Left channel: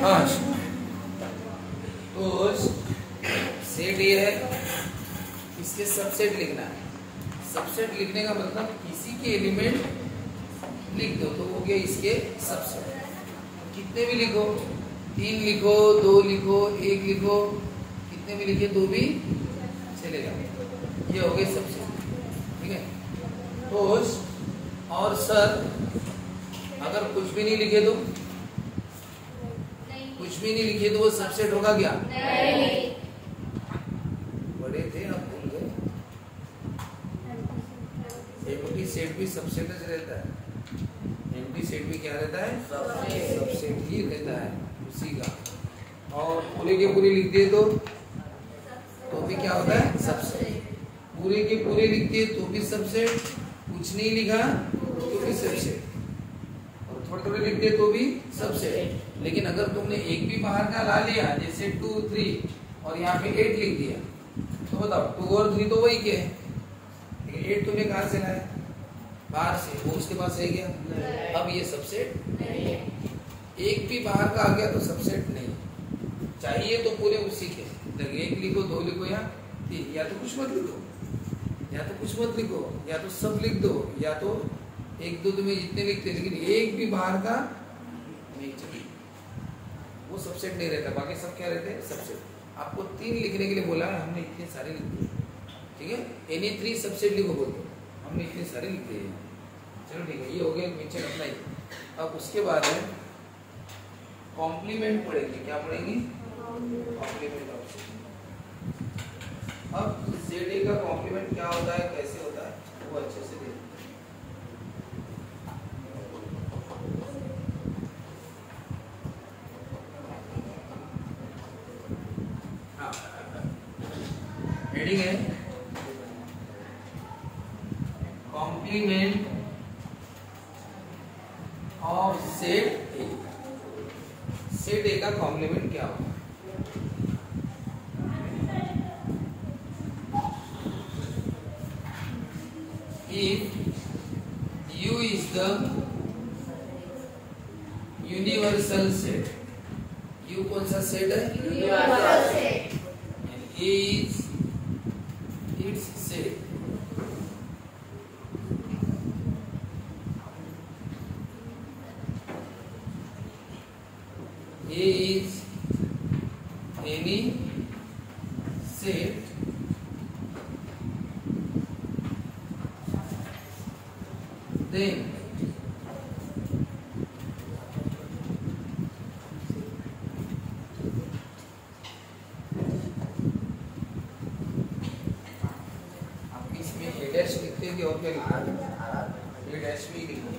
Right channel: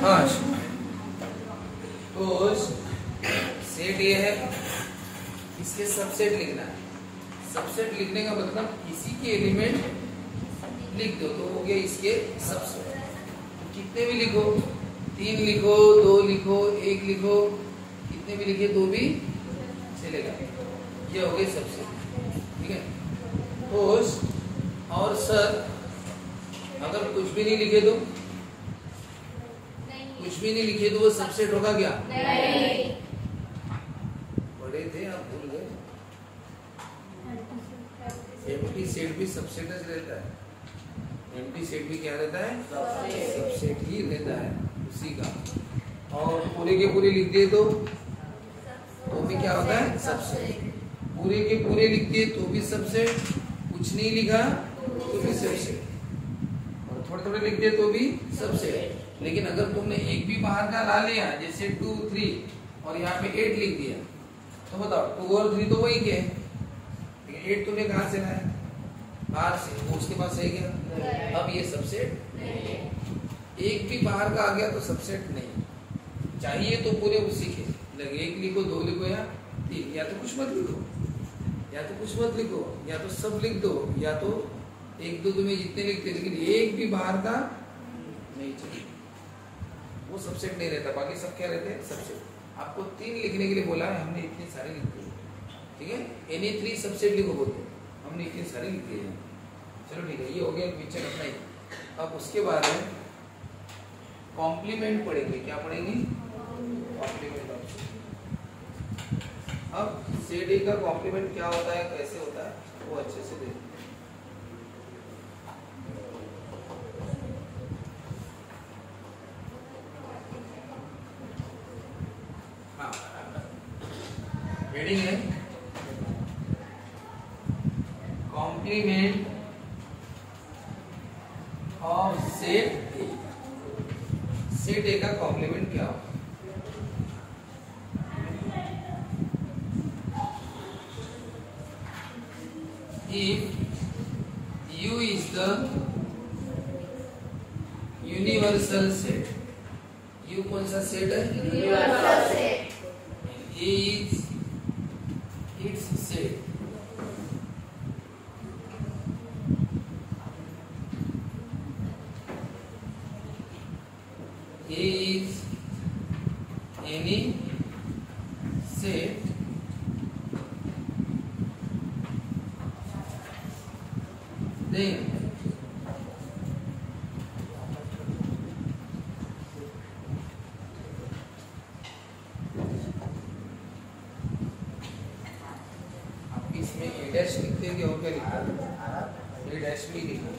हाँ, तो सेट ये है, इसके सबसेट लिखना है। सबसेट लिखने का मतलब किसी के एलिमेंट लिख दो तो हो गया इसके सबसेट। कितने भी लिखो, 3 लिखो, 2 लिखो, 1 लिखो, कितने भी लिखे तो भी चलेगा। ये हो गए सबसेट, ठीक है। तो और सर अगर कुछ भी नहीं लिखे तो, कुछ भी नहीं लिखे तो वो सबसेट होगा क्या? नहीं। बड़े थे आप भूल गए। एम्प्टी सेट भी सबसेट रहता है। एम्प्टी सेट भी क्या रहता है? सबसेट ही रहता है उसी का। और पूरे के पूरे लिख दिए तो भी क्या होता है? सबसेट। पूरे के पूरे लिख दिए तो भी सबसेट, कुछ नहीं लिखा तो भी सबसेट, और थोड़े थोड़े लिख दिए तो भी सबसेट। लेकिन अगर तुमने एक भी बाहर का ला लिया, जैसे 2, 3 और यहाँ पे 8 लिख दिया, तो बताओ 2 और 3 तो वही के हैं, लेकिन 8 तुमने कहाँ से लाया? बाहर से, वो उसके पास रह गया। अब ये सबसेट नहीं है। एक भी बाहर का आ गया तो सबसेट नहीं। चाहिए तो पूरे उसी के, 1 लिखो, 2 लिखो या 3, या तो कुछ मत लिखो, या तो कुछ मत लिखो, या तो सब लिख दो, या तो 1, 2 तुम्हें जितने लिखते, लेकिन एक भी बाहर का नहीं चाहिए, वो सबसेट नहीं रहता। बाकी सब क्या रहते हैं? सबसेट। आपको 3 लिखने के लिए बोला है, हमने इतने सारे लिख दिए, ठीक है। एनी 3 सबसेट लिखो बोलते, हमने इतने सारे लिख दिए। चलो ठीक है, ये हो गया मिक्सचर अपना ही। अब उसके बाद है कॉम्प्लीमेंट पढ़ेंगे। क्या पढ़ेंगे? कॉम्प्लीमेंट। अब सेट ए का कॉम्प्लीमेंट क्या होता है, कैसे होता है, वो अच्छे से देखिए। हाँ, हेडिंग है complement of set a. Set a का कॉम्प्लीमेंट क्या होगा? If U is the universal set, U कौन सा सेट है? Universal set. A is its set, A is any set then आप इसमें A डैश लिखते हैं और क्या लिखते हैं? A डैश भी लिखते हैं।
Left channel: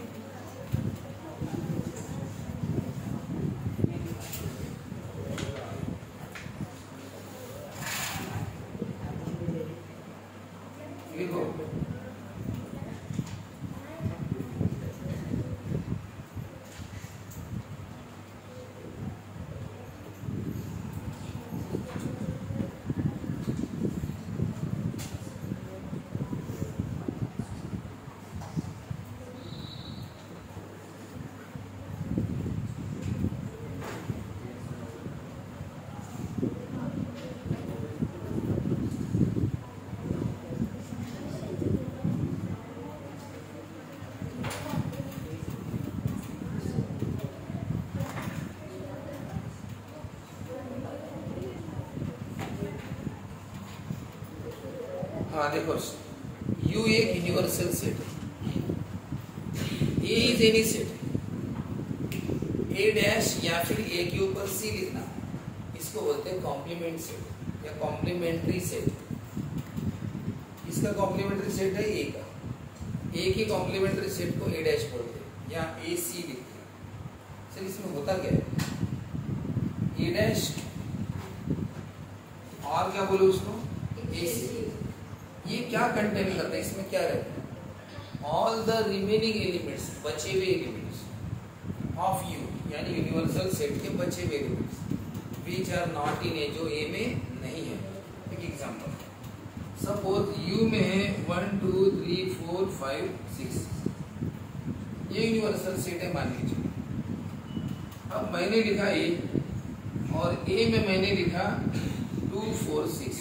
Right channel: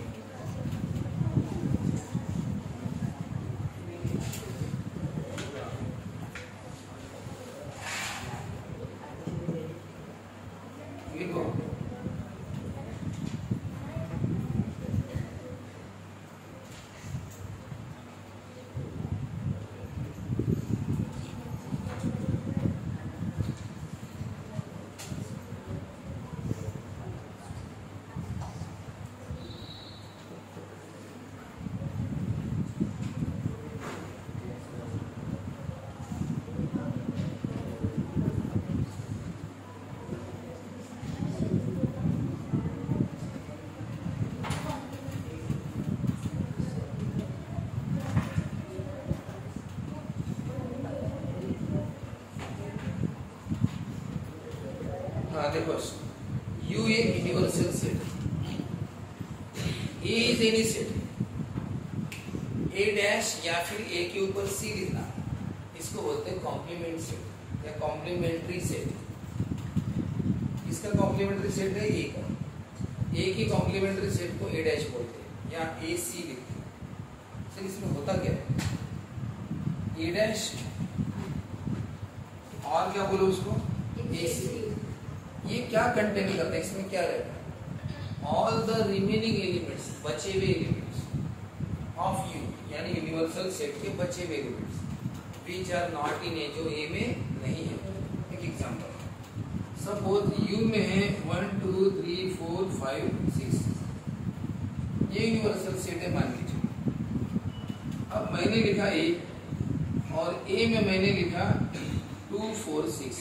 हाँ देखो, U एक यूनिवर्सल सेट है, A is any set, A dash या फिर A के ऊपर C लिखना, इसको बोलते हैं कॉम्प्लीमेंट सेट या कॉम्प्लीमेंट्री सेट। इसका कॉम्प्लीमेंट्री सेट है A का, A की कॉम्प्लीमेंट्री सेट को A डैश बोलते हैं या AC लिखते हैं। सर इसमें होता क्या है? A डैश और क्या बोलो उसको? AC। ये क्या कंटेन करता है? इसमें क्या रहता है? ऑल द रिमेनिंग एलिमेंट्स, बचे हुए एलिमेंट्स ऑफ यू, यानी यूनिवर्सल सेट के बचे हुए elements which are not in A, जो ए में नहीं है। एक एग्जांपल, सपोज यू में है 1 2 3 4 5 6, ये यूनिवर्सल सेट है मान लीजिए। अब मैंने लिखा ए, और ए में मैंने लिखा 2 4 6,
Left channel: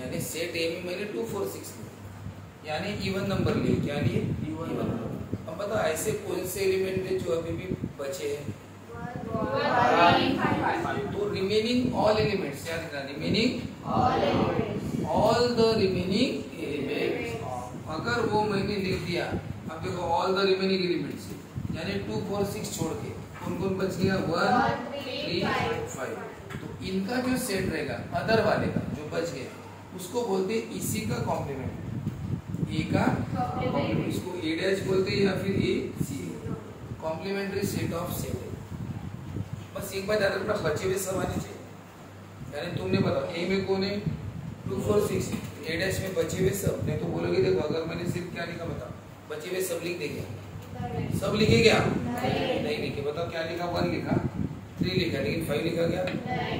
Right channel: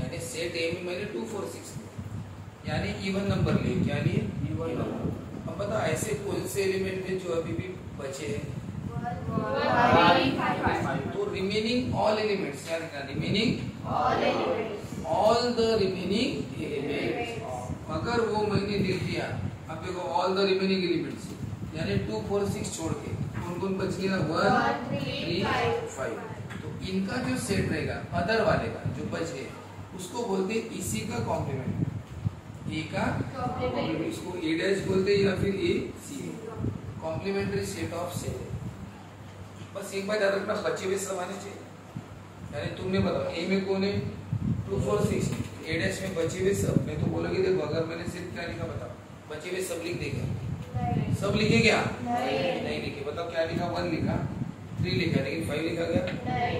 यानी सेट ए में मैंने 2 4 6 यानी इवन नंबर लिए। क्या लिए? Even number. अब बताओ ऐसे कौन से एलिमेंट है जो अभी भी बचे हैं? तो रिमेनिंग ऑल एलिमेंट्स, क्या लिखा? Remaining all the remaining elements. अगर वो मैंने लिख दिया, अब देखो ऑल द रिमेनिंग एलिमेंट्स यानी 2 4 6 छोड़ के कौन कौन बच गया? 1 3 5। तो इनका जो सेट रहेगा अदर वाले का जो बच गए उसको बोलते हैं इसी का कॉम्प्लीमेंट। ए का कॉम्प्लीमेंट, इसको ए डैश बोलते हैं या फिर ए सी, कॉम्प्लीमेंट्री सेट ऑफ सेट है। बस एक बार याद रखना, बचे हुए सब आने चाहिए। यानी तुमने बताओ ए में कौन है? 2 4 6, ए डैश में बचे हुए सब। नहीं तो बोलोगे देखो अगर मैंने सिर्फ क्या लिखा बताओ, बचे हुए सब लिख देंगे। सब लिखे क्या? नहीं लिखे। बताओ क्या लिखा? 1 लिखा, 3 लिखा, लेकिन 5 लिखा गया?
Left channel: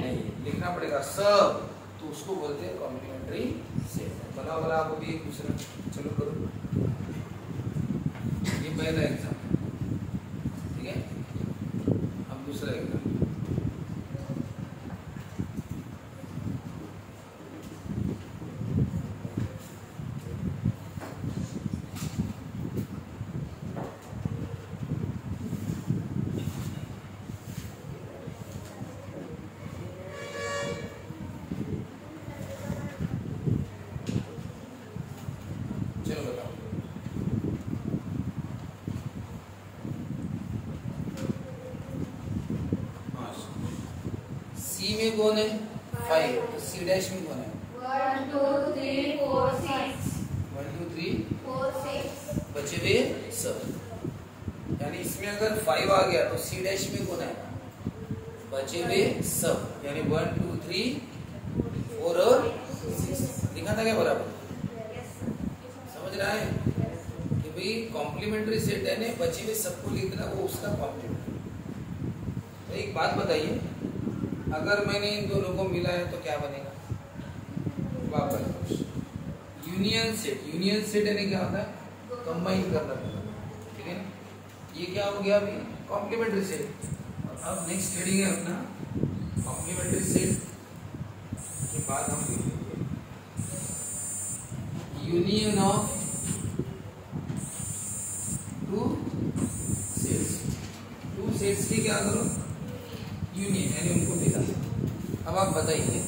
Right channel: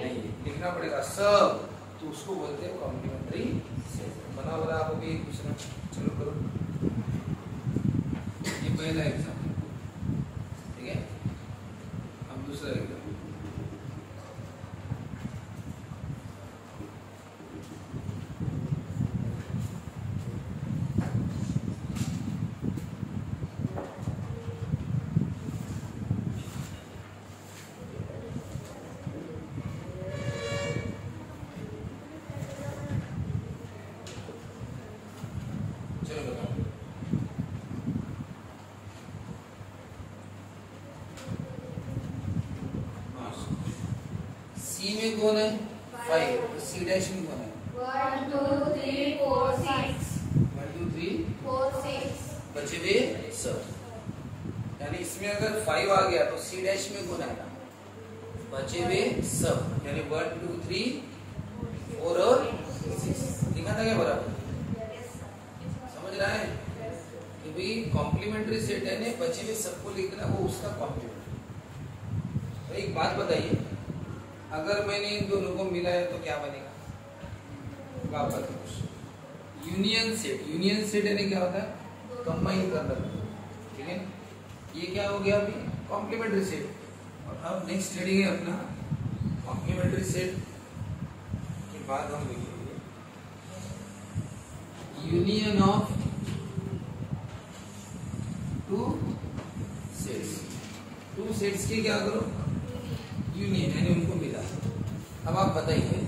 नहीं। लिखना पड़ेगा सब, तो उसको बोलते हैं कॉम्प्लीमेंट्री सेट। बना बना आपको भी एक दूसरा, चलो करो। ये पहला एग्जाम, ठीक है? अब दूसरा एग्जाम। सी में कौन है? 5। तो सी डैश में कौन है? 1 2 3 4 6। 1 2 3 4 6 बचे हुए सब। यानी इसमें अगर 5 आ गया तो सी डैश में कौन आएगा? बचे हुए सब। यानी 1 2 3 4 और 6 लिखा था क्या बराबर? समझ रहा है कि भाई कॉम्प्लीमेंट्री सेट है ना, बचे हुए सबको लिखना, वो उसका कॉम्प्लीमेंट्री। तो एक बात बताइए, अगर मैंने इन दोनों को मिलाया तो क्या बनेगा? वापस यूनियन सेट। यूनियन सेट यानी क्या होता है? कंबाइन करना, ठीक है? ये क्या हो गया अभी? Complementary set. और अब नेक्स्ट करेंगे अपना कॉम्प्लीमेंट्री सेट के बाद हम लिखेंगे यूनियन ऑफ 2 सेट्स। 2 सेट्स की क्या करो? यूनियन, यानी उनको मिला। अब आप बताइए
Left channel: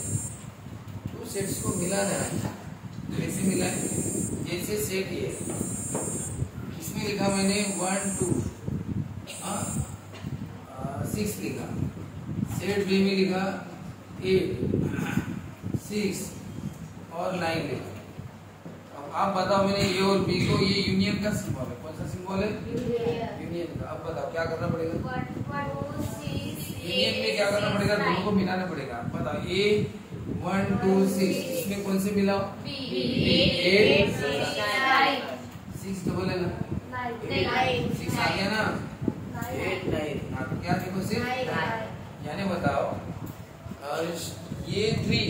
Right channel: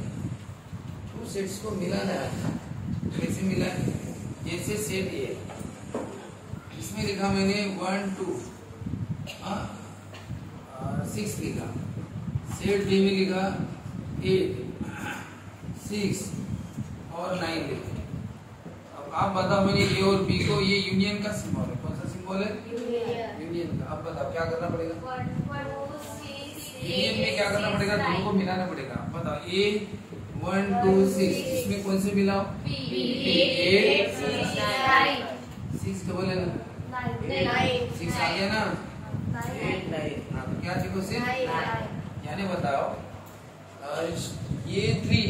2 सेट्स को मिलाना है, कैसे मिला है? जैसे सेट ये इसमें लिखा मैंने 1 2 6 लिखा, सेट बी में लिखा 8 6 और 9 लिखा। अब आप बताओ मैंने ए और बी को, ये यूनियन का सिंबल है। कौन सा सिंबल है? यूनियन का। अब बताओ क्या करना पड़ेगा? यूनियन में क्या करना पड़ेगा? दोनों को मिलाना पड़ेगा। बताओ ए 1 2 6 इसमें कौन से मिलाओ? 8 6 डबल है ना, 6 आ गया ना, 8 9 क्या देखो से, यानी बताओ ये 3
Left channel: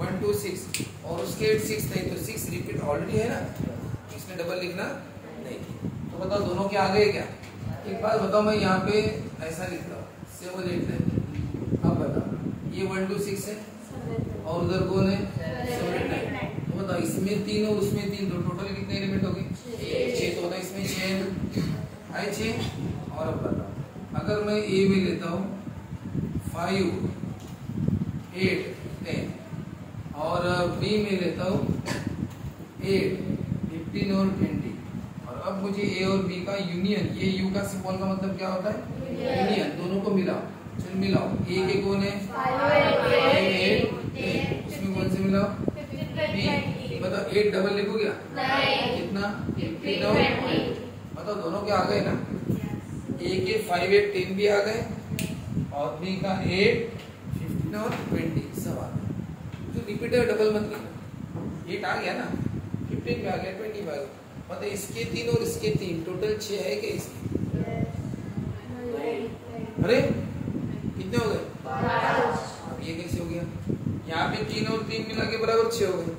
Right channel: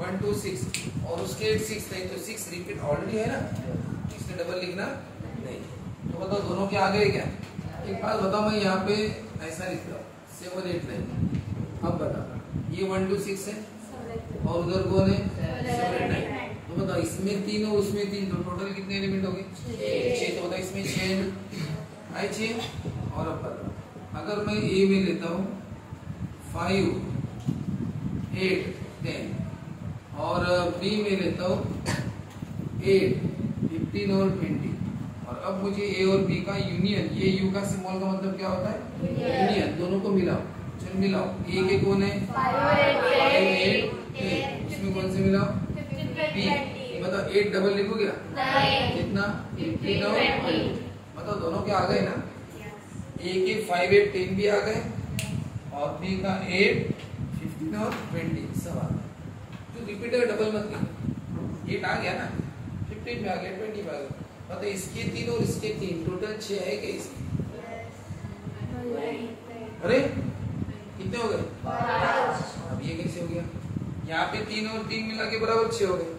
1 2 6 और उसके 8 6 नहीं, तो 6 रिपीट ऑलरेडी है ना, इसमें डबल लिखना नहीं। तो बताओ दोनों के आगे है क्या? एक बात बताओ, मैं यहाँ पे ऐसा लिख रहा हूँ 7 8 9। अब बताओ ये 1 2 6 है और उधर कौन है? 7 8 9। तो बताओ इसमें 3 और उसमें 3, तो टोटल कितने एलिमेंट हो गए? 6। तो बताओ इसमें 6 आए 6। और अब बताओ अगर मैं ए में लेता हूँ 5 8 10 और बी में लेता हूँ 8 15 और 20, और अब मुझे ए और बी का यूनियन, ये यू का सिंबल का मतलब क्या होता है? यूनियन। दोनों को मिलाओ, चल मिलाओ। ए के कौन है? 5 8 10, इसमें कौन से मिलाओ? बी। बताओ 8 डबल लिखो क्या? कितना? 15 और 20। बताओ दोनों के आ गए ना? ए के 5 8 10 भी आ गए और बी का 8 15 और 20 सब आ गए। जो रिपीट है डबल मत लिखो। 8 आ गया ना, 15 में आ गया, 20 में आ गया। मतलब इसके 3 और इसके 3 टोटल 6 है क्या इसमें? अरे कितने हो गए? 5। अब ये कैसे हो गया? यहाँ पे 3 और 3 मिला के बराबर 6 हो गए,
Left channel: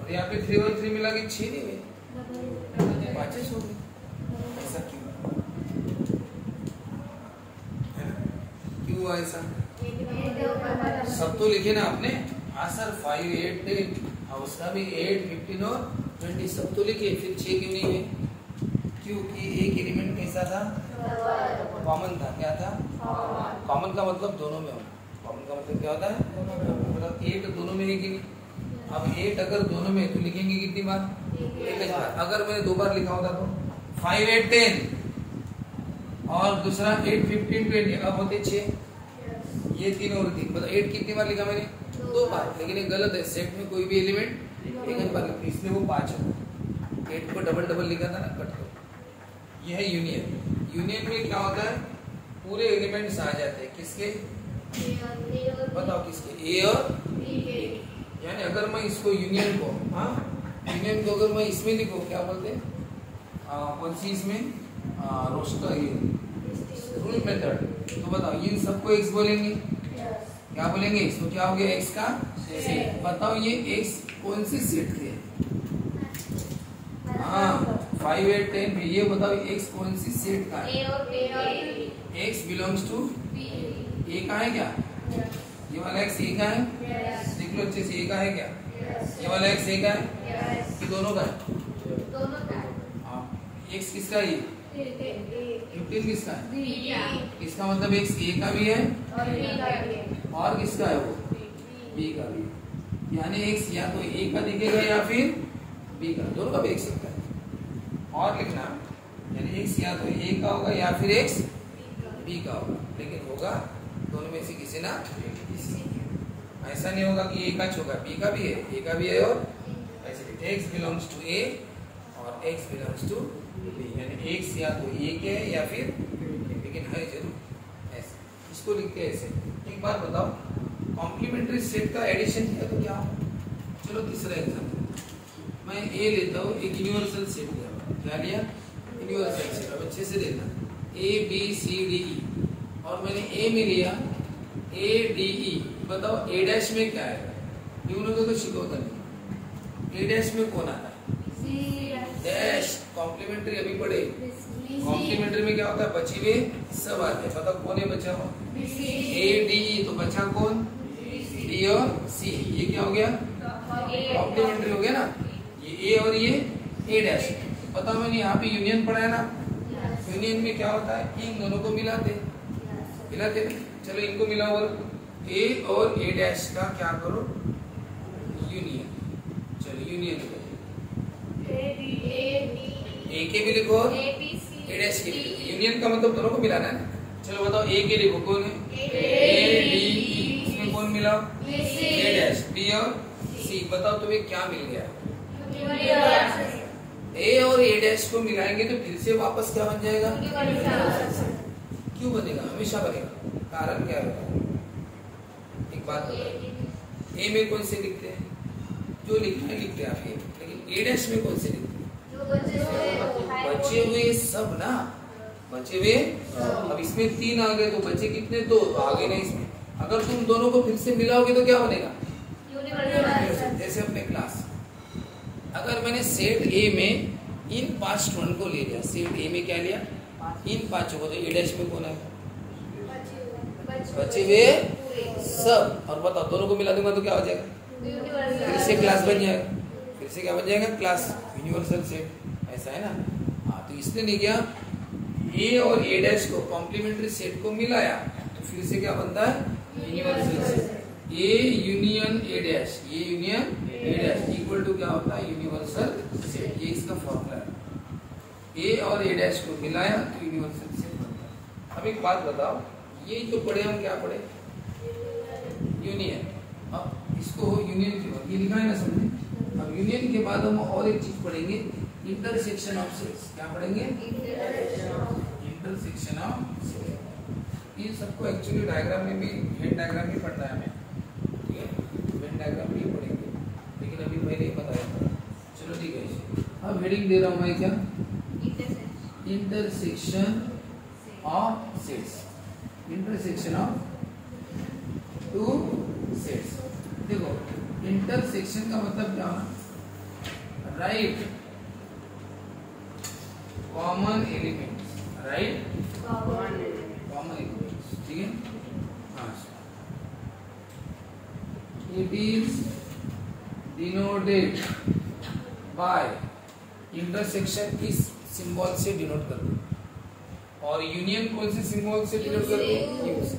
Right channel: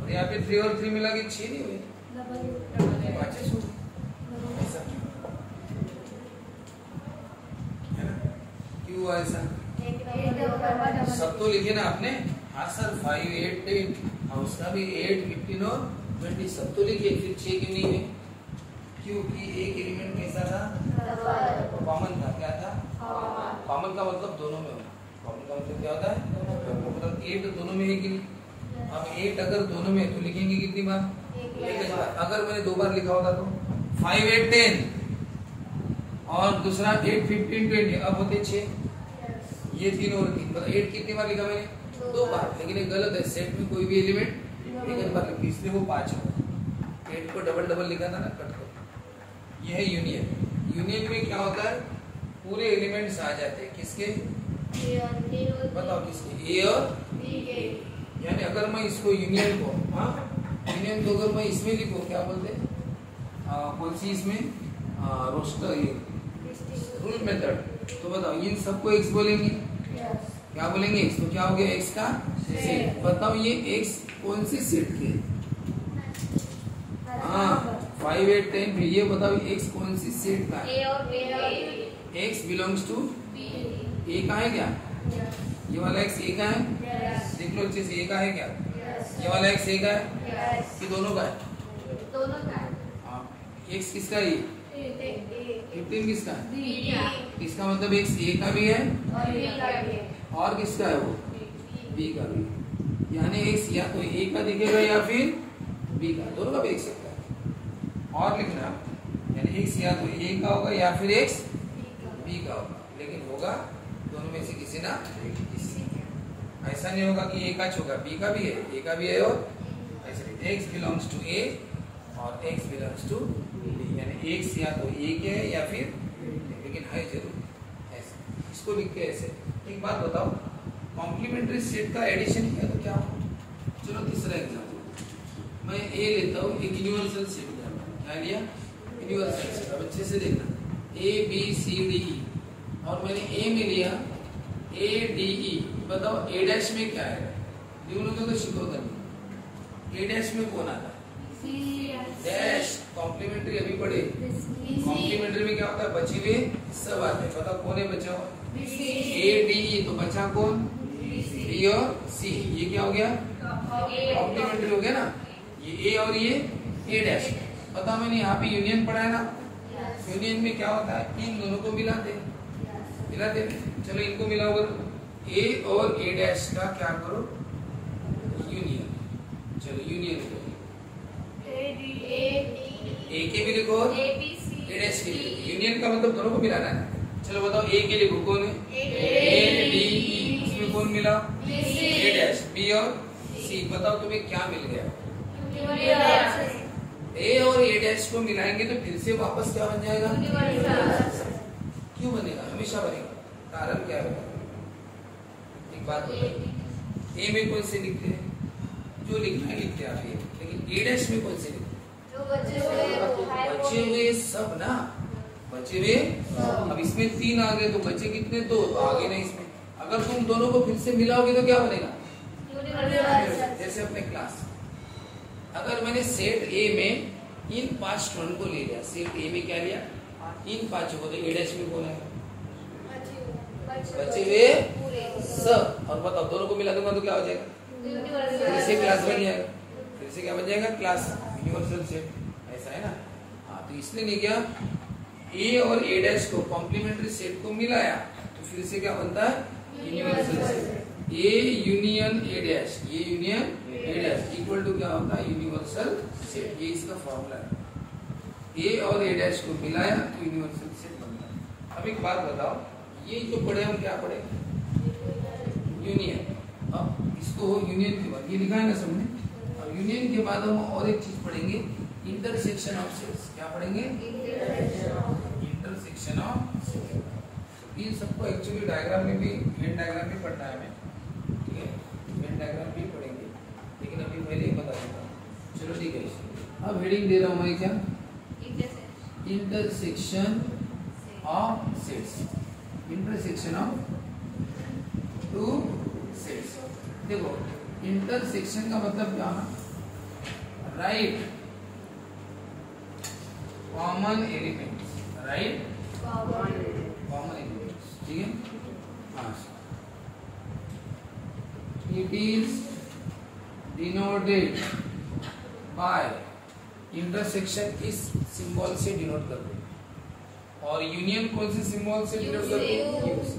और यहाँ पे 3 और 3 मिला के 6 नहीं हुए, 5 हो गए। ऐसा क्यों हुआ? ऐसा सब तो लिखे ना आपने। हाँ सर 5, 8, 10 और उसका भी 8, 15 और 20 सब तो लिखे। फिर 6 क्यों नहीं है? क्योंकि एक एलिमेंट कैसा था? कॉमन था। क्या था? कॉमन का मतलब दोनों में हो। कॉमन का मतलब क्या होता है? मतलब 8 दोनों में है कि नहीं? अब 8 अगर दोनों में है तो लिखेंगे कितनी बार? एक बार। अगर मैंने 2 बार लिखा होता तो 5, 8, 10 और दूसरा 8, 15, 20 अब होते 6। ये 3 और 3 मतलब 8 कितनी बार लिखा मैंने? 2 बार। लेकिन ये गलत है। सेट में कोई भी एलिमेंट एक बार लिखो, इसलिए वो 5 है। 8 को डबल डबल लिखा था ना, कट कर। यह है यूनियन। यूनियन में क्या होता है? पूरे एलिमेंट्स आ जाते हैं। किसके? बताओ किसके? ए और यानी अगर मैं इसको यूनियन को, हाँ यूनियन को अगर मैं इसमें लिखूं, क्या बोलते हैं? कौन सी इसमें? Roster rule method. तो बताओ इन सबको एक्स बोलेंगे। क्या बोलेंगे? इसको क्या हो गया? एक्स का सेट। बताओ ये एक्स कौन सी सेट के? हाँ 5, 8, 10 भी। ये बताओ एक्स कौन सी सेट का है? एक्स बिलोंग्स टू ए का है क्या? ये वाला एक्स ए का है? देख लो अच्छे से, ए का है क्या? ये वाला एक्स ए का है कि दोनों का है? हाँ एक्स किसका है? 15 किसका है? इसका मतलब एक्स ए का भी है और किसका है? वो बी का भी है। यानी एक्स या तो ए का दिखेगा या फिर बी का, दोनों का भी देख सकता है। और लिखना यानी एक्स या तो ए का होगा या फिर एक्स बी का होगा, लेकिन होगा दोनों में से किसी ना। ऐसा नहीं होगा कि ए का होगा, बी का भी है, ए का भी है और ऐसे एक्स बिलोंग्स टू ए और एक्स बिलोंग्स टू बी। यानी एक्स या तो ए के है या फिर, लेकिन है जरूर ऐसे। इसको लिखते हैं ऐसे। एक बात बताओ, कॉम्प्लीमेंट्री सेट का एडिशन किया तो क्या होगा? चलो तीसरा एग्जाम्पल मैं ए लेता हूँ। एक यूनिवर्सल सेट लिया। क्या लिया? Universal set. अब अच्छे से देखना, ए बी सी डी ई और मैंने ए में लिया ए डी ई। बताओ ए डैश में क्या है? दोनों को शिकवता नहीं। ए डैश में कौन आता? डैश। कॉम्प्लीमेंट्री अभी पढ़े। कॉम्प्लीमेंट्री में क्या होता है? बचे हुए सब आते हैं। बताओ कौन है बचा हुआ? A D E. तो बचा कौन? डी और सी। ये क्या हो गया? कॉम्प्लीमेंट्री हो गया ना। ये ए और ये ए डैश। बताओ मैंने यहाँ पे यूनियन पढ़ा है ना। यूनियन में क्या होता है? इन दोनों को मिलाते। चलो इनको मिलाओ और ए और ए डैश का क्या करो? यूनियन। चलो यूनियन करो। ए के भी लिखो और ए डैश के भी लिखो। यूनियन का मतलब दोनों को मिलाना है। चलो बताओ ए के लिखो कौन है? A D E. इसमें कौन मिला? ए डैश। बी और सी। बताओ तुम्हें क्या मिल गया? ए और ए डैश को मिलाएंगे तो फिर से वापस क्या बन जाएगा? क्यों बनेगा? हमेशा बनेगा। कारण क्या है? एक बात बताओ, ए में कौन से लिखते हैं? जो लिखना है लिखते हैं आप, लेकिन ए डैश में कौन से लिखते हैं? बचे हुए सब ना। बचे हुए। अब इसमें 3 आ गए तो बचे कितने? 2 तो आगे नहीं इसमें। अगर तुम दोनों को फिर से मिलाओगे तो क्या बनेगा? जैसे अपने क्लास, अगर मैंने सेट ए में इन 5 स्टूडेंट को ले लिया, सेट ए में क्या लिया? इन 5 को। तो ए डैश में कौन है? बचे हुए सब। और बताओ दोनों को मिला दूंगा तो क्या हो जाएगा? फिर से क्लास बन जाएगा। फिर से क्या बन जाएगा? क्लास। Universal set. ऐसा है ना। हाँ तो इसने नहीं किया, ए और ए डैश को कॉम्प्लीमेंट्री सेट को मिलाया तो फिर से क्या बनता है? Universal set. A union A dash, ये union A dash equal to क्या होता है? Universal set. ये इसका फॉर्मूला है। ए और ए डैश को मिलाया तो यूनिवर्सल सेट बनता है। अब एक बात बताओ, ये जो पढ़े हम क्या पढ़े? यूनियन। अब इसको यूनियन के बाद ये लिखा है ना सबने। अब यूनियन के बाद हम और एक चीज पढ़ेंगे, इंटरसेक्शन ऑफ सेट्स। क्या पढ़ेंगे? Intersection of sets. ये सबको एक्चुअली डायग्राम में भी, वेन डायग्राम भी पढ़ना है हमें, ठीक है? वेन डायग्राम भी पढ़ेंगे, लेकिन अभी पहले ही बताया। चलो ठीक है। अब हेडिंग दे रहा हूँ मैं क्या? Intersection of sets. Intersection of 2 sets. देखो इंटरसेक्शन का मतलब क्या होना? Right common elements. Right common elements. ठीक है। हाँ it is denoted by intersection इस सिंबल से डिनोट कर दो, और यूनियन कौन से सिंबल से डिनोट कर दो, यू से,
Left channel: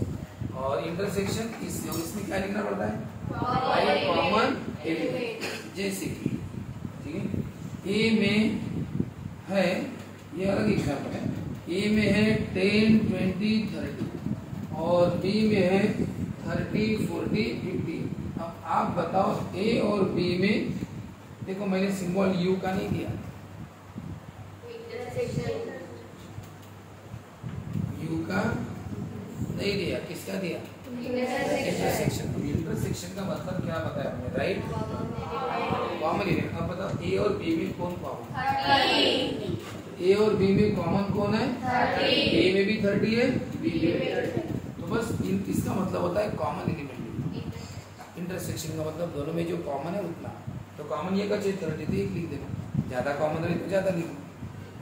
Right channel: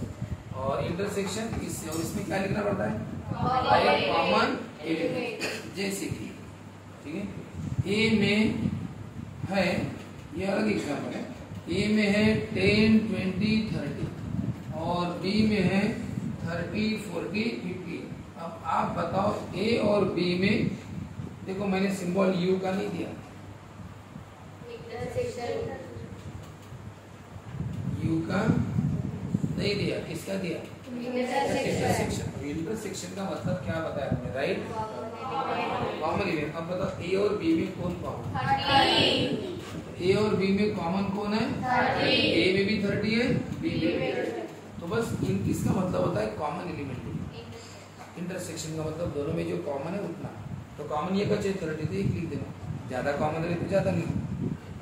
और इंटरसेक्शन इससे, और इसमें क्या लिखना पड़ता है, कॉमन एलिमेंट। जैसे कि ठीक है, ए में है, ये अलग एग्जाम्पल है, ए में है 10, 20, 30 और बी में है 30, 40, 50। अब आप बताओ ए और बी में, देखो मैंने सिंबल यू का नहीं दिया, यू का नहीं दिया, किसका दिया, इंटरसेक्शन। इंटरसेक्शन का मतलब क्या बताया हमने, राइट, कॉमन एलिमेंट। अब बताओ ए और बी में कौन कॉमन, ए और बी में कॉमन कौन है, ए में भी 30 है, बी में भी 30। तो बस इसका मतलब होता है कॉमन एलिमेंट। इंटरसेक्शन का मतलब दोनों में जो कॉमन है उतना, तो कॉमन ये का चाहिए 30 तो एक लिख देना, ज्यादा कॉमन है तो ज्यादा लिख।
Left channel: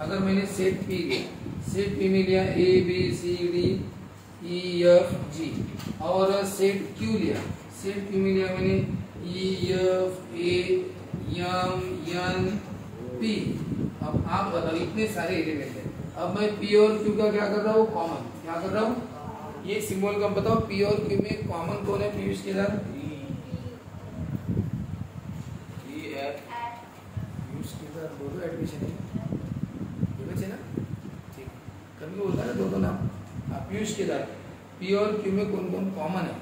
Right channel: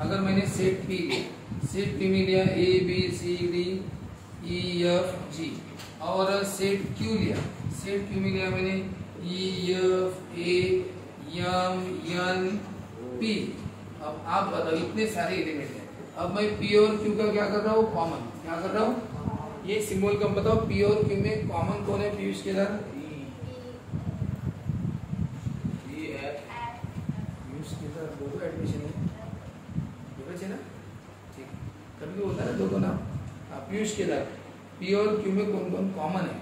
अगर मैंने सेट पी लिया, सेट पी में लिया a b c d e f g, और सेट क्यू लिया, सेट क्यू में लिया मैंने e f a m n p. अब आप बताओ इतने सारे एलिमेंट हैं, अब मैं पी और क्यू का क्या कर रहा हूँ, कॉमन क्या कर रहा हूँ, ये सिंबल का बताओ पी और क्यू में कॉमन कौन है, पीयूष के साथ दो एडमिशन है ना, ठीक, कभी बोलता है दो नाम, पीयूष के साथ पी और क्यू में कौन कौन कॉमन है,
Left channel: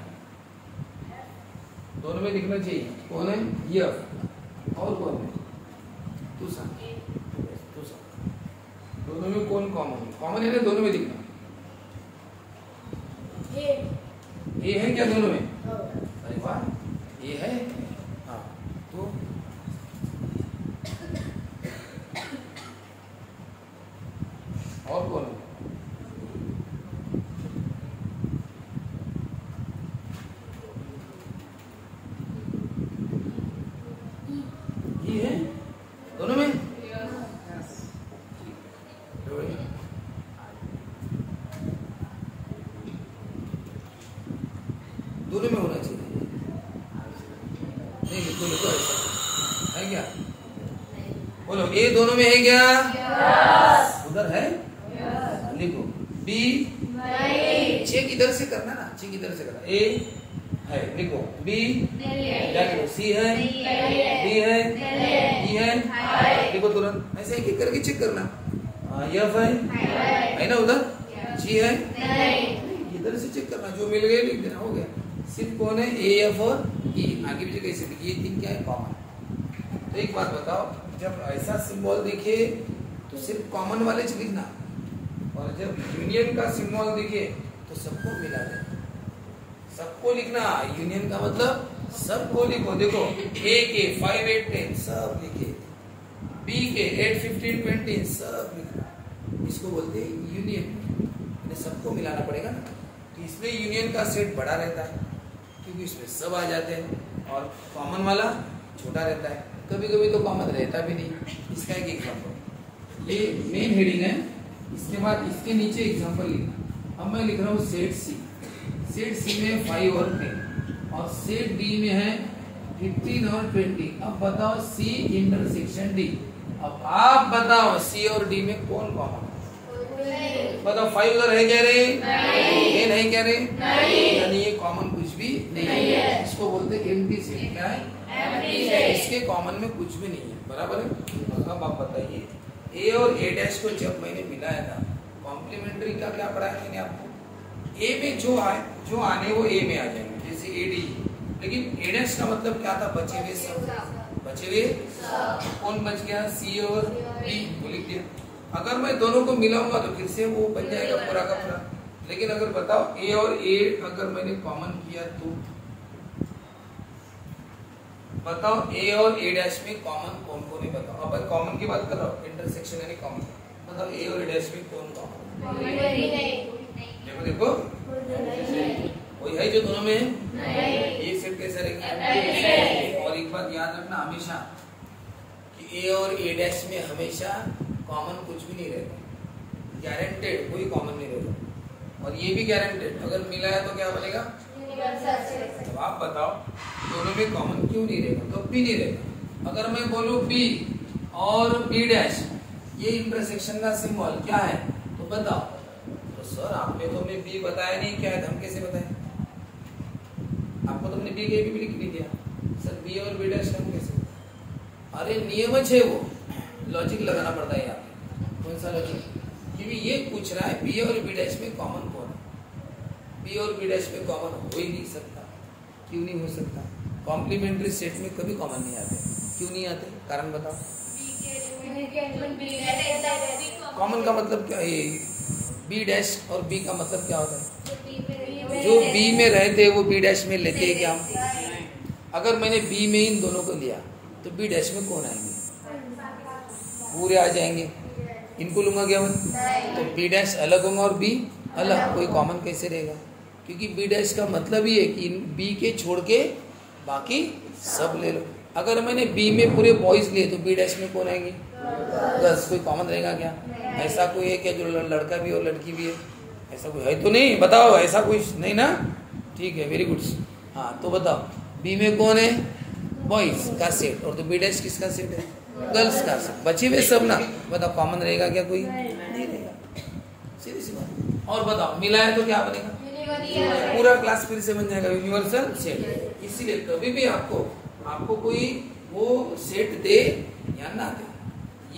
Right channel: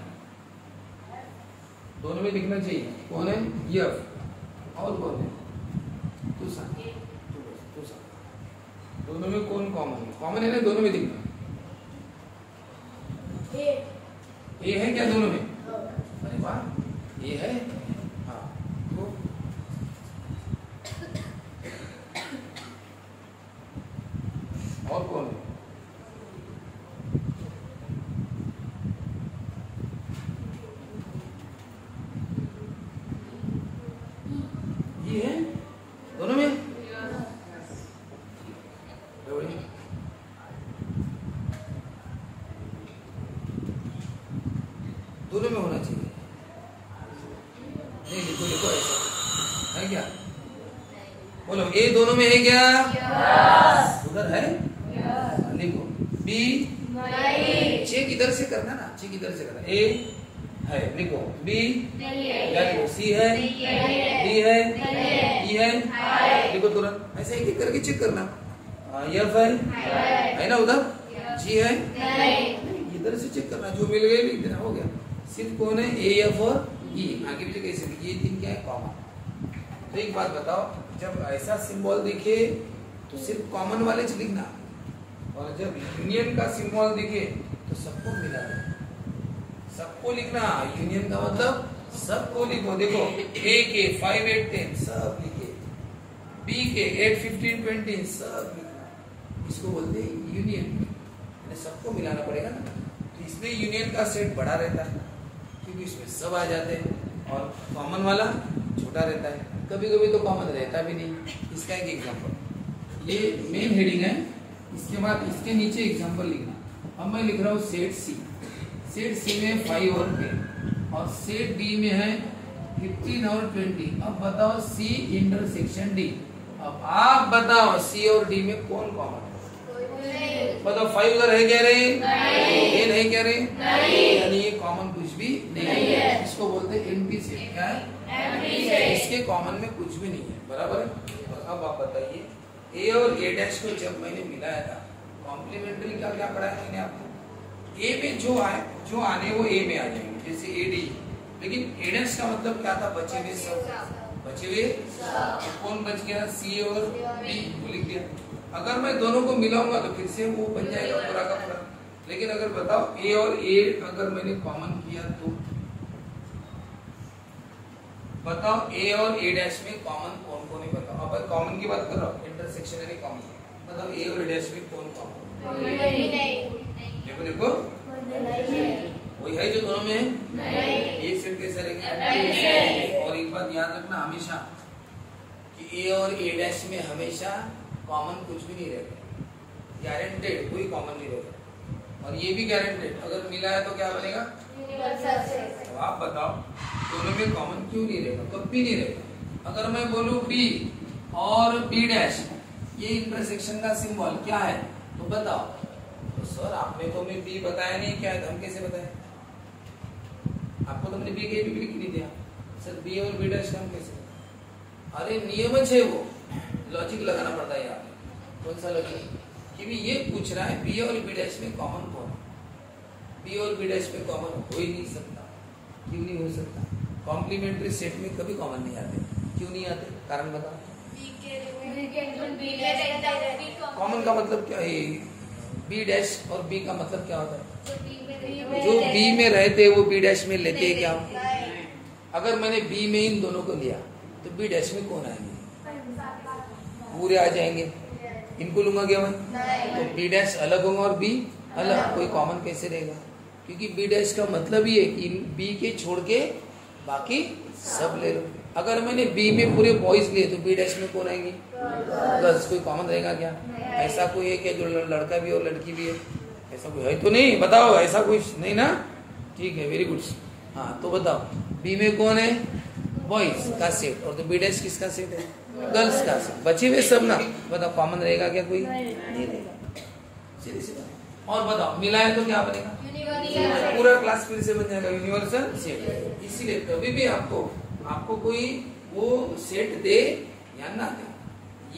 दोनों में लिखना चाहिए, कौन है यफ और कौन है तुषा, दोनों में कौन कॉमन है, कॉमन है ना, दोनों में लिखना, ए है क्या दोनों में, अरे वाह ये है, हाँ वो और कौन है, ये है दोनों में, दोनों में होना चाहिए, नहीं लिखो लिखो ऐसा है क्या, बोलो ए दोनों में है क्या, उधर है, लिखो बी, चेक इधर से करना ना, चेक इधर से करना, ए है लिखो, बी क्या लिखो, सी है, डी है, ई है, लिखो तुरंत, ऐसे एक एक करके चेक करना, एफ है ना उधर, जी है, इधर से चेक करना, जो मिल गए लिख देना, हो गया। सिर्फ कौन है, ए एफ और ई, आगे पीछे कैसे, ये तीन क्या है, कॉमन। तो एक बात बताओ, जब ऐसा सिंबल दिखे तो सिर्फ कॉमन वाले च लिखना, और जब यूनियन का सिंबल दिखे तो सबको मिला दे, सबको लिखना, यूनियन का मतलब सबको लिखो, देखो ए के 5, 8, 10 सब लिखे, बी के 8, 15, 20 सब लिखना, इसको बोलते हैं यूनियन, सबको मिलाना पड़ेगा ना, तो इसलिए यूनियन का सेट बड़ा रहता है क्योंकि इसमें सब आ जाते हैं, और कॉमन वाला छोटा रहता है, कभी कभी तो कॉमन रहता भी नहीं। इसका एक एग्जांपल, ये मेन हेडिंग है, इसके बाद इसके नीचे एग्जांपल लिखना। अब मैं लिख रहा हूँ सेट सी, सेट सी में 5 और 10, और सेट डी में है 15 और 20। अब बताओ सी इंटरसेक्शन डी, अब आप बताओ सी और डी में कौन कॉमन, बताओ 5 उधर है क्या रहे, 10 है क्या रहे, यानी ये कॉमन कुछ भी नहीं है, इसको बोलते हैं एम्प्टी सेट। क्या है, इसके कॉमन में कुछ भी नहीं है, बराबर है। अब आप बताइए ए और ए डैश को जब मैंने मिलाया था, कॉम्प्लीमेंट्री का क्या पढ़ाया मैंने आपको, ए में जो आने वो ए में आ जाएंगे, जैसे ए डी, लेकिन ए डैश का मतलब क्या था, बचे हुए सब, बचे हुए कौन बच गया, सी और डी को लिख दिया। अगर मैं दोनों को मिलाऊंगा तो फिर से वो बन जाएगा पूरा का पूरा, लेकिन अगर बताओ ए और ए अगर मैंने कॉमन किया तो बताओ ए और ए डैश में कॉमन कौन कौन है, बताओ। अब कॉमन की बात कर रहा हूँ, इंटरसेक्शन यानी कॉमन, बताओ ए और ए डैश में कौन कॉमन, देखो वही है जो दोनों में है, ये सेट कैसा रहेगा। और एक बात याद रखना हमेशा कि ए और ए डैश में हमेशा कॉमन कुछ भी नहीं रहेगा, गारंटेड कोई कॉमन नहीं रहेगा, और ये भी गारंटेड, अगर मिला है तो क्या बनेगा, तो आप बताओ दोनों में कॉमन क्यों नहीं रहेगा? तो बी नहीं रहेगा। अगर मैं बोलूं बी और बी डैश ये इंटरसेक्शन का सिंबल क्या है तो बताओ। तो सर आपने तो हमें बी बताया नहीं, क्या है हम कैसे बताए? आपको तो मैंने बी के भी लिख नहीं दिया। सर बी और बी डैश हम कैसे? अरे नियम है वो, लॉजिक लगाना पड़ता है यहाँ पे। कौन सा लॉजिक? क्योंकि ये पूछ रहा है बी और बी डैश में कॉमन कौन है? बी और बी डैश में कॉमन हो ही नहीं सकता। क्यों नहीं हो सकता? कॉम्प्लीमेंट्री सेट में कभी कॉमन नहीं आते। क्यों नहीं आते? कारण बताओ। कॉमन का मतलब क्या है? बी डैश और बी का मतलब क्या होता है? जो बी में रहते वो बी डैश में लेते हैं क्या? अगर मैंने बी में इन दोनों को लिया तो बी डैश में कौन आएंगे? पूरे आ जाएंगे। इनको लूंगा क्या मैं? तो बी डैश अलग होगा और बी अलग, कोई कॉमन कैसे रहेगा? क्योंकि बी डैश का मतलब ही है कि बी के छोड़ के बाकी सब ले लो। अगर मैंने बी में पूरे बॉयज लिए तो बी डैश में कौन आएंगे? बस, कोई कॉमन रहेगा क्या? ऐसा कोई है क्या जो लड़का भी और लड़की भी है? ऐसा कोई है तो नहीं, बताओ। ऐसा कोई नहीं ना? ठीक है, वेरी गुड। हाँ तो बताओ बी में कौन है? बॉयज का सेट। और तो बी डैश किसका सेट है? गर्ल्स का सेट। बचे हुए सब ना, बताओ कॉमन रहेगा क्या? कोई नहीं रहेगा। सीधी सी बात। और बताओ मिलाए तो क्या बनेगा? पूरा क्लास फिर से बन जाएगा यूनिवर्सल सेट। इसीलिए कभी भी आपको कोई वो सेट दे या ना दे,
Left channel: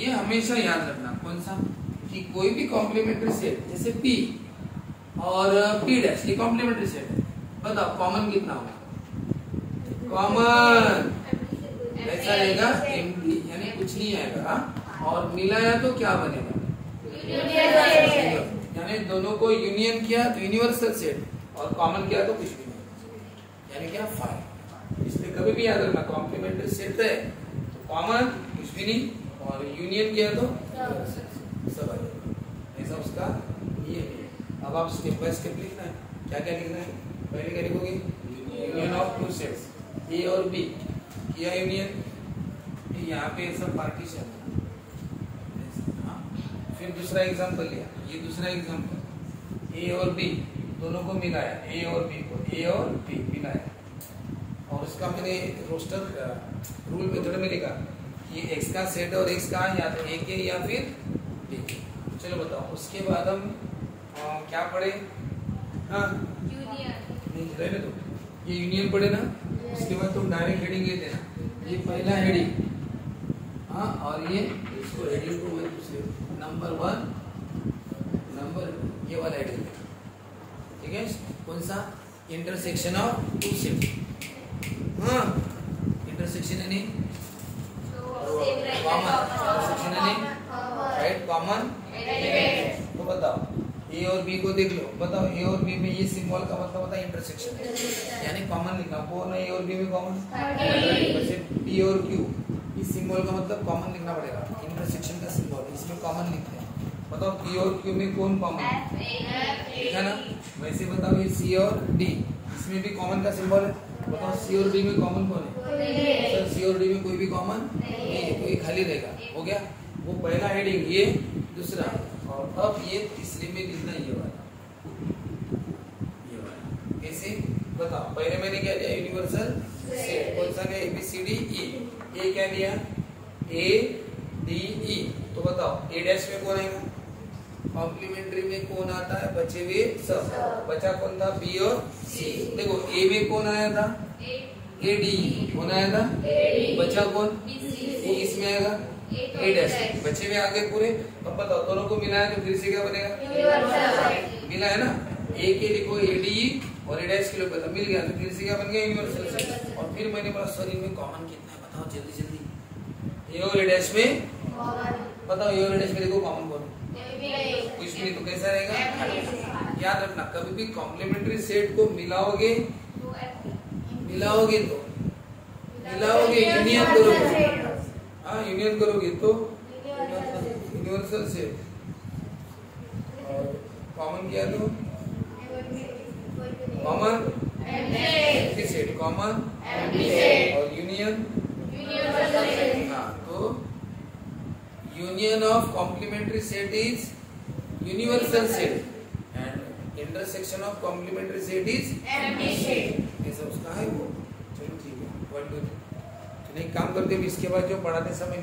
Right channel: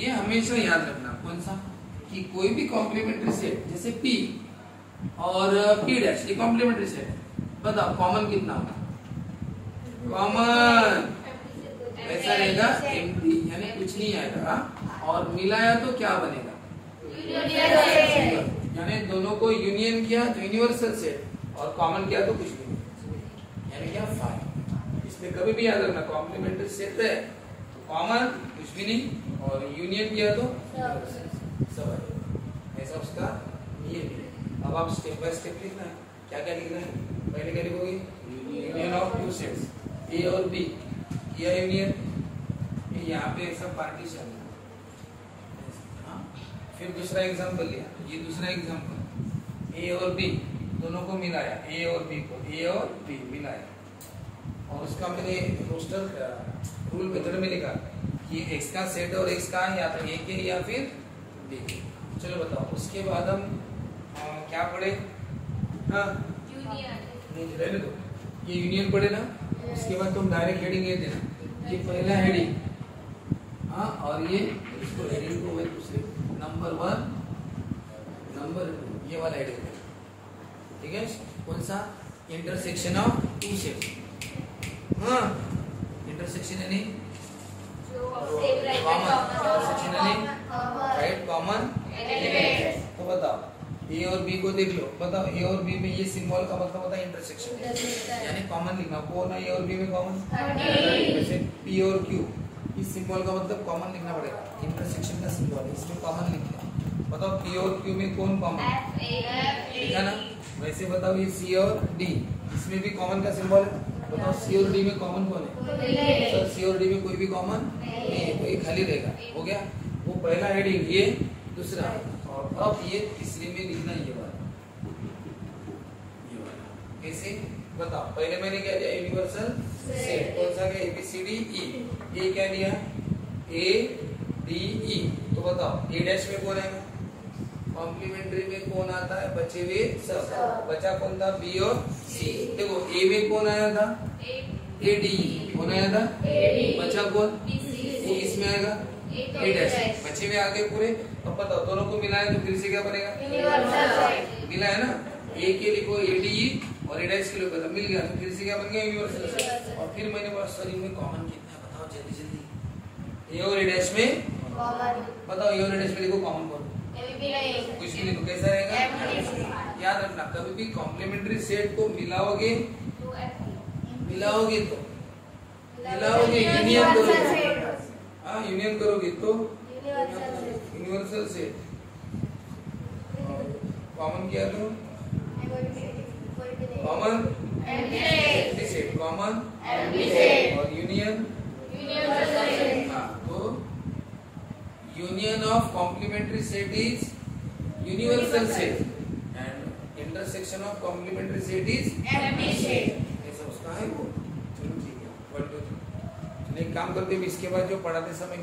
ये हमेशा याद रखना। कौन सा? कि कोई भी कॉम्प्लीमेंट्री सेट जैसे पी और पी डैश ये कॉम्प्लीमेंट्री सेट है। बताओ कॉमन कितना होगा? कॉमन ऐसा रहेगा एम्प्टी, यानी कुछ नहीं आएगा। और मिलाया तो क्या बनेगा? यानी दोनों को यूनियन किया तो यूनिवर्सल सेट, और कॉमन किया तो कुछ भी नहीं, यानी क्या? फाइव। इसलिए कभी भी याद रखना कॉम्प्लीमेंट्री सेट है तो कॉमन कुछ भी नहीं, और यूनियन किया तो सब आ जाएगा। ऐसा उसका ये है। अब आप स्टेप बाय स्टेप लिखना है। क्या क्या लिखना है? पहले क्या लिखोगे? Union of two sets A और बी किया यूनियन, यहाँ पे सब पार्टीशन। फिर दूसरा एग्जांपल लिया, ये दूसरा एग्जांपल ए और बी दोनों को मिलाया, ए और बी को, ए और बी मिलाया, और उसका मैंने रोस्टर रूल मेथड में लिखा कि एक्स का सेट और एक्स का या तो ए के या फिर बी के। चलो बताओ उसके बाद हम क्या पढ़े? हाँ रहने दो, ये यूनियन पढ़े ना। उसके बाद तुम डायरेक्ट हेडिंग ये देना, ये पहला हेडिंग, हाँ, और ये इसको हेडिंग को दूसरे नंबर 1 नंबर 2 ये वाला हेडिंग देना। ठीक है? कौन सा? Intersection of two sets. हाँ, इंटरसेक्शन यानी कॉमन, इंटरसेक्शन यानी राइट कॉमन। तो बताओ ए और बी को देख लो, बताओ ए और बी में ये सिंबल का मतलब होता है इंटरसेक्शन, यानी कॉमन लिखना। कौन है ए और बी में कॉमन? जैसे पी और क्यू, इस सिंबल का मतलब कॉमन लिखना पड़ेगा। इंटरसेक्शन का सिंबल है, इसमें कॉमन लिखना है। बताओ पी और क्यू में कौन कॉमन है? ठीक है ना? वैसे बताओ ये सी और डी, इसमें भी कॉमन का सिंबल है। बताओ सी और डी में कॉमन कौन है? सर सी और डी में कोई भी कॉमन नहीं है, तो ये खाली रहेगा। हो गया? वो पहला हेडिंग, ये दूसरा, और अब ये तीसरे में लिखना ये वाला। कैसे? बताओ। पहले मैंने क्या लिया? Universal set. कौन सा? क्या? ABCD E। ए क्या लिया? ADE। तो बताओ ए डैश में कौन आएगा? कॉम्प्लीमेंट्री में कौन आता है? बचे हुए सब। बचा कौन था? बी और सी। देखो ए में कौन आया था? ADE। कौन आया था? बचा कौन? वो इसमें आएगा ए डैश। बचे हुए आगे पूरे। अब बताओ दोनों को मिलाया तो फिर से क्या बनेगा? मिला है ना? ए के लिखो ADE और ए डैश के लिए मिल गया, तो फिर से क्या बन गया? Universal set. और फिर मैंने बोला सर इनमें कॉमन कितना है? बताओ जल्दी जल्दी। ए और ए डैश में बताओ, ए और ए डैश में देखो कॉमन कौन? कुछ भी नहीं। तो कैसा रहेगा? याद रखना कभी भी कॉम्प्लीमेंट्री सेट को मिलाओगे यूनियन करोगे, हाँ यूनियन करोगे तो यूनिवर्सल सेट। कॉमन क्या है? तो कॉमन एम्प्टी सेट, कॉमन और यूनियन। हाँ, तो union of complementary set is universal set and intersection of complementary set is empty set. ऐसा उसका है वो। चलो ठीक है, 1 2 3। एक काम करते हैं, इसके बाद जो पढ़ाते समय